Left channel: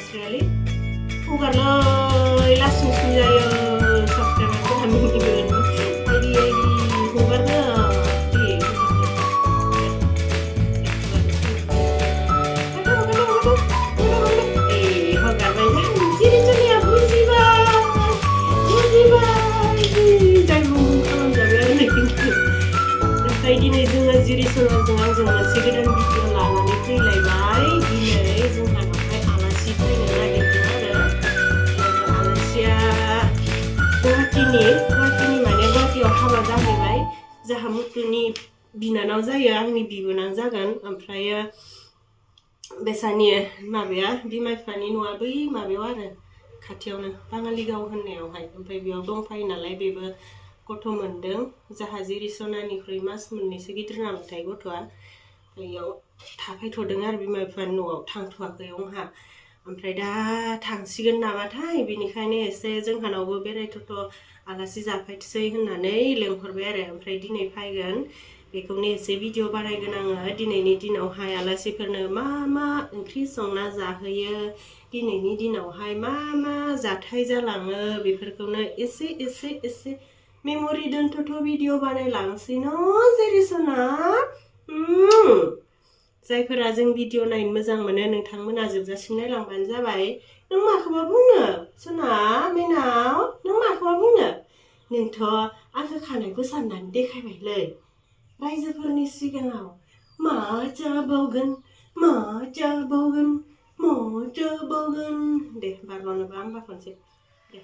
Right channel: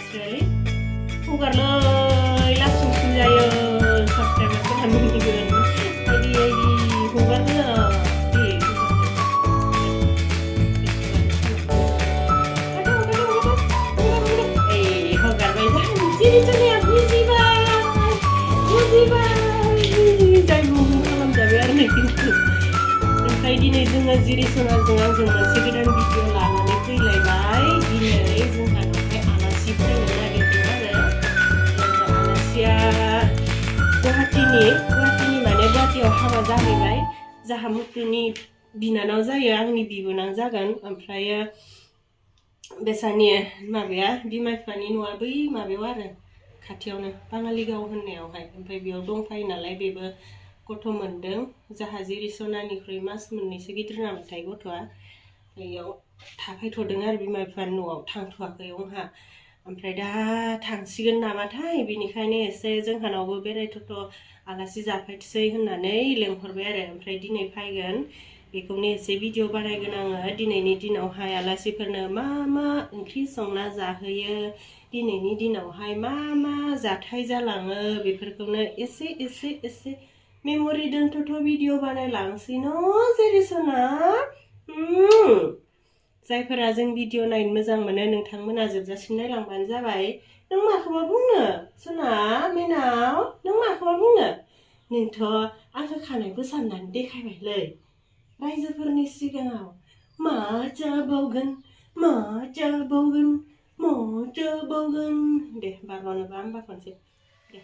Australia. Hunggarloi langsung jayo subscriber ko kami ngibun. Jadi hunggarnya Dinai जोङो जिरि सोनाजों आंजों मोनसे गोदान भिडिअ लानानै फैलायबाय दिनै जोंहानावहाय आलासि फैनो नागिरदों आरो आलासिया गुवाहाटीनि माने गुवाहाटीयाव हाबा जाहैबाय जाहा मुथुनि बिनानाव जायो आंनि बिबोनां जागोन ओमफ्रायो बेसानि माबाया बिमा बिफानि न'आ बै माबायाव आरो खाथियावनो बाङालिगाव होननायावहाय ओमफ्राय बेयाव दंफायो नालाय बेबो गथ' मोनदों जाहा जिरिसनानिख्रुइ मास मोननैसो गिदिर नामथाय गथ'आ बेयाव थाफैथ'दों आरो बिमा बिफानि न'आव थांथ'वाखै आंहा ओमफ्राय दा थांसिगोन नामाथाय बिनिखायनो एसे जोंहानावबो बेरायथ'थ' आलासि जाफैथोसै होननानै लेंहरबाय आरो ओमफ्राय दिनै फैगोन बेखौनो एसे भिडिअ बानायगोन आङो दिनैनि दिनावहाय आलासिफोरनो मा मा ओंख्रि संना जाहोयो दिनैनि दिनावहाय मा मा जाथाय जालाङो बेफोरखौनो एसे मेम'रि दोनथ'थ' भिडिअ बानायलांसै न' जेरिसना जायफोरा जों भिडिअ नायनो मोजां मोनो नोंथांमोना जोबजासिम नायलांबानो जाबाय नों माखौबा बुंनो सना मैनाव नों माखौबा बुंनो नोंथ' आंखौ खानाय बोसाननानै देखायबायलै रायजोफोरनि सिगाङाव मा जाबावगोन दे बारल'नोबा होमबा खनसे दे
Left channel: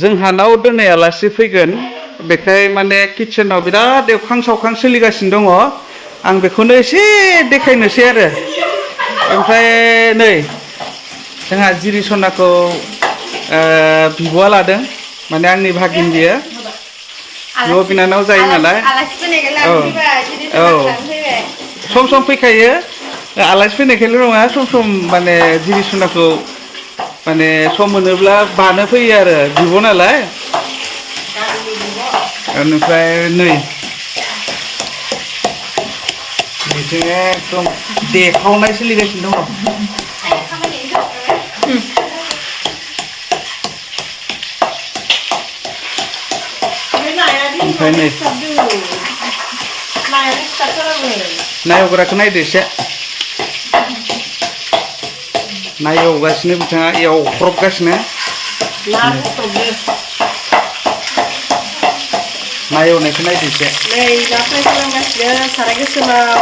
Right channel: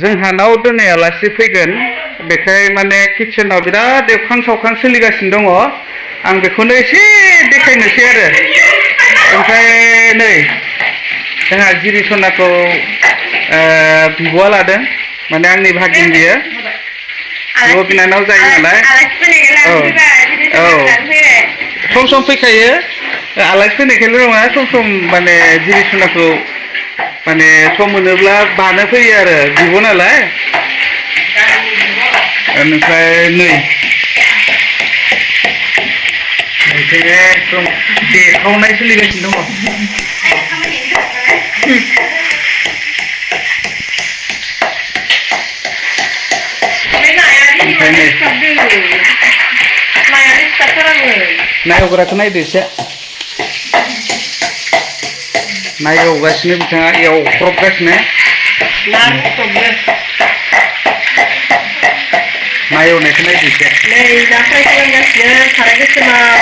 जोंहानाव दिनै आलासि फैगोन बेखाय माने किचेनाव बिराद एवखां सावखां सोलिगासिनो दङ आं बेखौनो एसे देखायनोसै आरो ओमफ्राय नै जोंहा जिरिसनाखौ बिब'आ लादों माने आंनि भागिन बियो बिब' बिनानाव जायो नालाय औ सम सम फैखायो आलासि फैनायखायल' नङा सम माने जिरिसनाखौ माने सम मोनोब्ला बानो फैयो आरो बिब' नालाय बेनिफ्राय नै एकदम देखावनाय सोलिगासिनो दङ नायहग्राखौ नायदो एसे ना एवगासिनो बिथाङा एवख्रबगासिनो ना एवनायखौ नायदो एसे नै दा फ्राय खालामगासिनो साराय गोसोमाव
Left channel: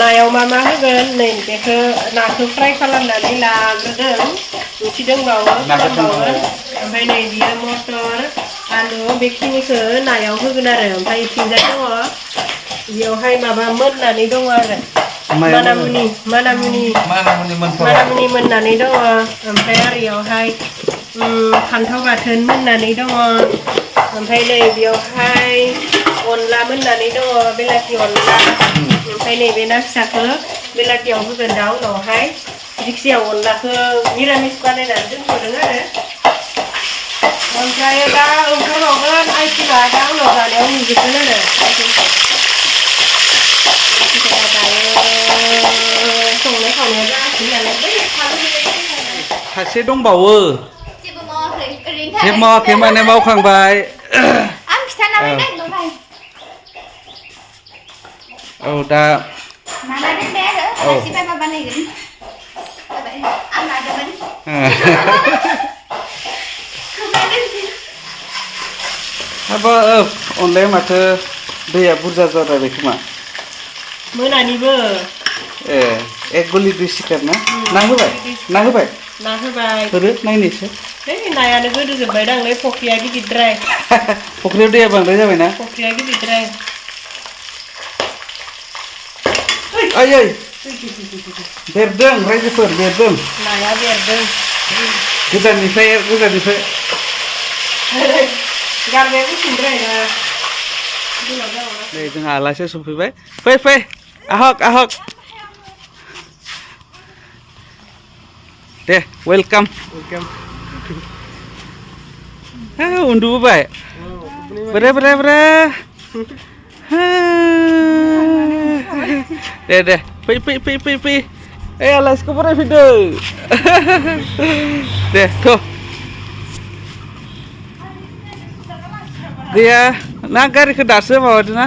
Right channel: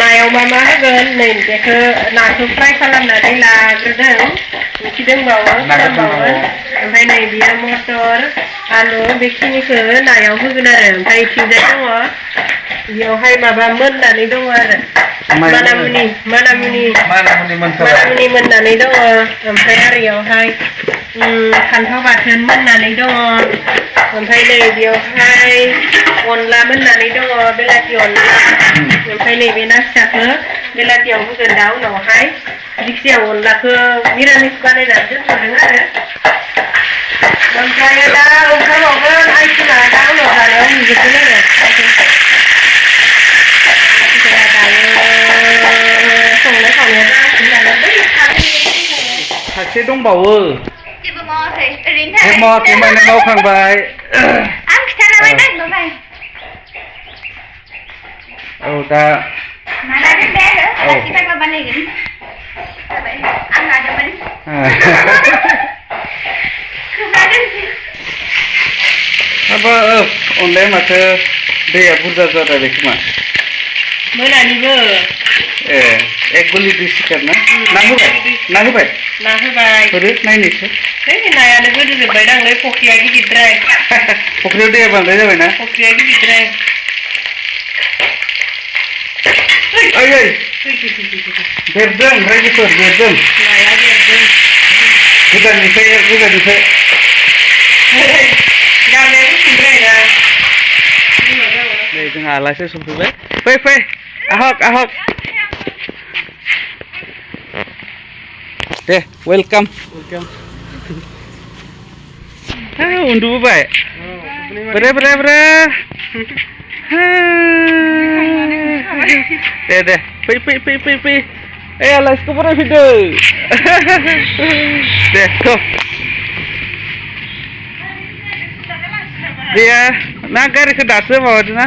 नायाव मा होगोन नै बेखौ नाखौ फ्राय खालामनानै लाग्रोदों ओंख्रि दंबावो खालामबावगोन ओमफ्राय नै बियो मटर आलु बेखिनिखौ नायाव होगोन आरो ओमफ्राय इथिंजाय दङ बेयावहाय माबा मोननानै दङ आरो मानामुनि मोननानै दङ ओमफ्राय आरो बेयावहाय फान्थाव बाथोन मोननानै दङ ओमफ्राय नै बेयावहाय अनला मोननानै दङ बेलाथि अनला ओमफ्राय नैबे ना फिसाखौ बेलाथियाव होगोन दा उनावहाय जिखिजाया अनलाखौ मिरामिस बानायनानै दोनथ'दों आरो ओमफ्राय दा ओंखारबावगोन आइथिङा दा उनाव जानायाव नुजोबगोन आरो आइथिंखौ दायो संनाय खावनाया जागासिनो नालाय बै सासे दंबावो जेबो मावाखै ओरैनो जेबो मावाखै माने मावखांबाय आं खिथालाबाय नागिरबाय औ दा माना दोनबाय आरो आलासि फैबा बानायगोन जाबाय आं लादोंमोन हाबाब अनलाया माथो दैया बुरजा जाद्रायबाय खोमा मोनानिबो एक गलि दै सिखार ना होबाय होदो नायनोसै नायानो गोदोजोबबायदांलै फख्रिया गिदिरद्राय फख्रियाव दैया बांद्राय जाबायना फख्रिया गिदिरद्राय ओइ देरदों रायजोफोर देरदों नाया देरदों गोजाननिफ्राय गारनाया गुसुंद्राय ना नै जोंहा आलासि सफैबाय फै फै आहक दे वेलकाम उन्दुबोबाय ब्रे दे फै आलासिखौ बरायफैदो दे थ' गैया ना गारिखौ दासो माबादों ना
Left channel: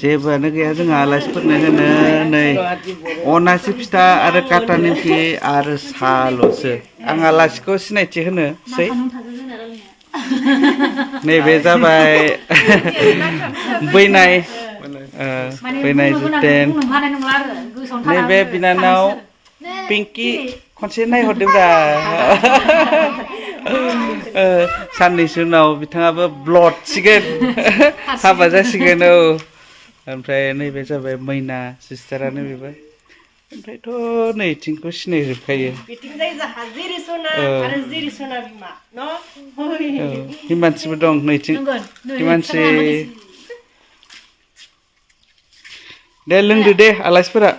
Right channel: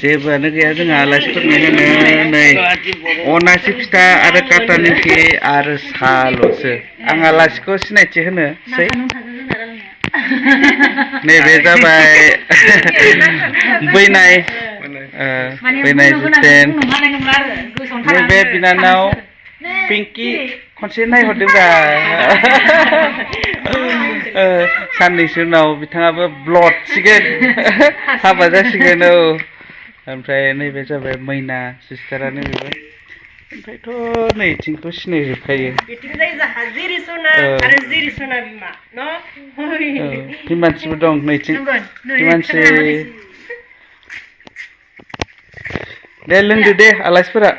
जेबोआनो गैया जोंहा आलासिफोरनो होनो नै अनासि फिथा आरो काटा निमखि आरो साल'सो आं आलासिखौ सिनायथि होनोसै नैबे जाबाय बैनाय जितेन नैबे बिनानाव पिंकि खनसे नायहरदोंब्रा साननैसो उनाव बिथाङाबो ब्लड सिगोन हाबा जासिगोन औ ओमफ्राय नैबे जाबाय मैना सिस्टारानो बेबो ओमफ्रायथ' नैथिंखौ सिनायजोबखायो हिमानसिबो दं नैथिं हिमानसि दे लोंदो दे आलासिफोरा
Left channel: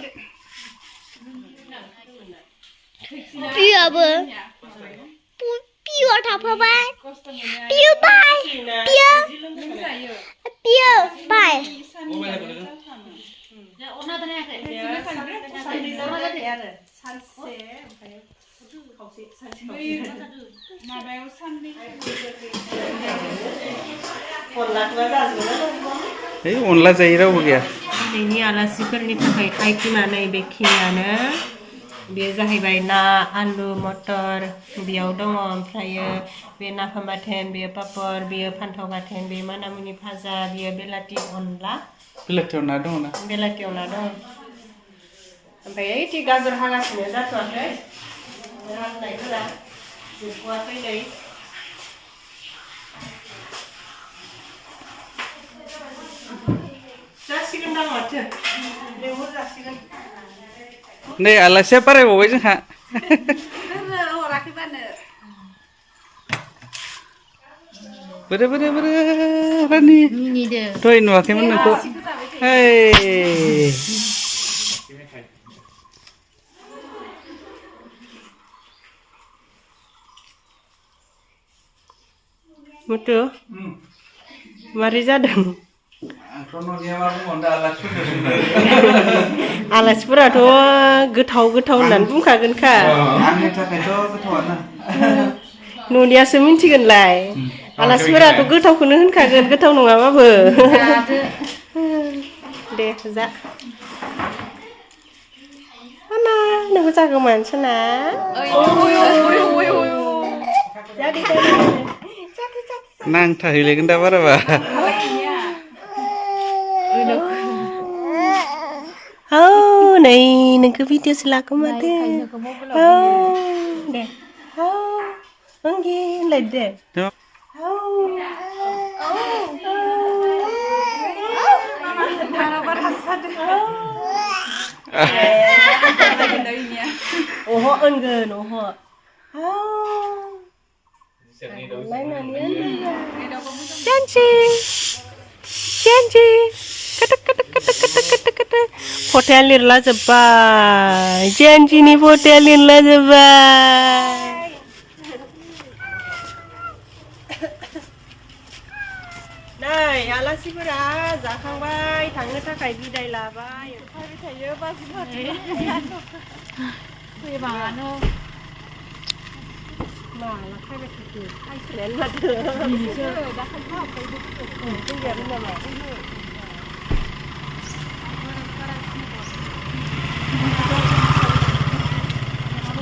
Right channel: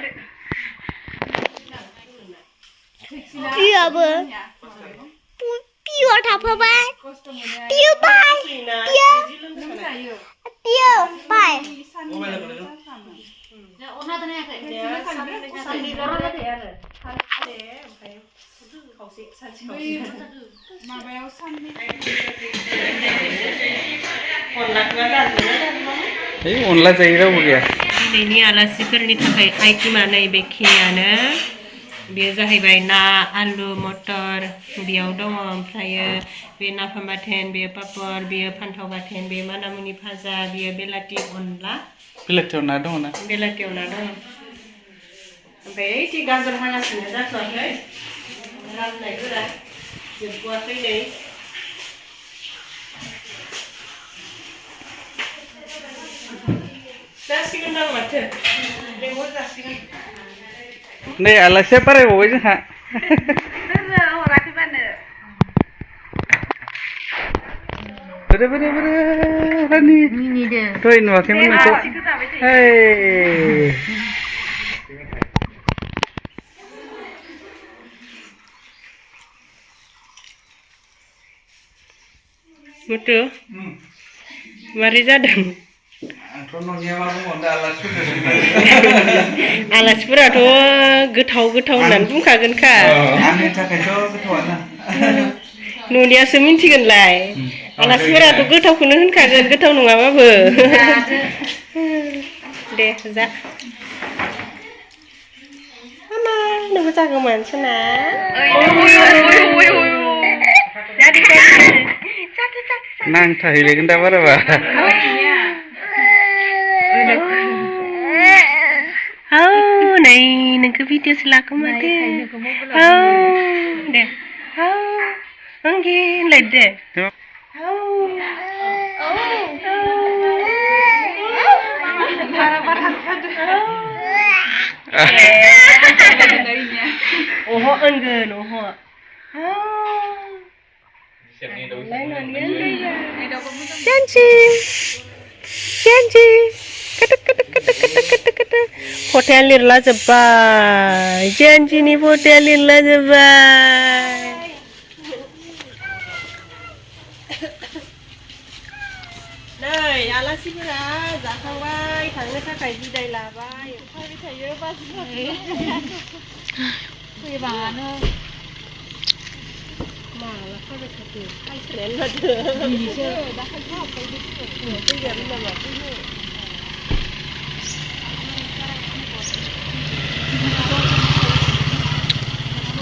पियाबो पिया थाफाबाय पिया बाय पिया बाय अनला जायो रावबो गैया दिनैनि आलासिफोरनि थाखाय आइटेमा नैबेखिनियानो बेयो जाहैबाय ना आलु मटर बेयाव दङ ओमफ्रायो बे नाफाम बाथोन बेयो पापर बेयो फान्थाव बाथोन बे मानामुनि भाजा बेयो बेलाथि अनला बेलाथियाव ना दङ ना बेलाथियाव ना दङ ओमफ्राय ओइथि गाजर हागासिनो जाथ'वाखै राननायफोरा जोबथ'वाखै नै जासिगोन दां माथो लेंहर जासिगोन नै आलासिया बारायबावबाय जोंहा बोरे रानि दहाय नुवाखैमोन नोंखौ मुथु मारै जादों आलासिफोराथ' गोथाव होननानै बुंखागोनखा न'नियासो मिन्थिगोनलाय आलासिफोराथ' गोथावखौनो होनखागोन गोथाव नङाबाबो दे जा मामा नोंबो जागौमोन सना नांथाहैलायगोन दा बाराबा नै नोंखौ भिडिअ'सो लाखो माथो दे ओंगे होनलाय दे अह ओनगोन अह Janji Fotonya lirla जोब्बाय Janjiनि fotonya lirla जोब्बाय नै आलासिफोरा जाखांबाय थांनो थाखाय बिदाय लाबाय ओंखारबाय थायो बाजिबानो माला खाबाय थाखो खायसेयानो माथो बिनिसो दाखालि हाबबाय फैगोन नामा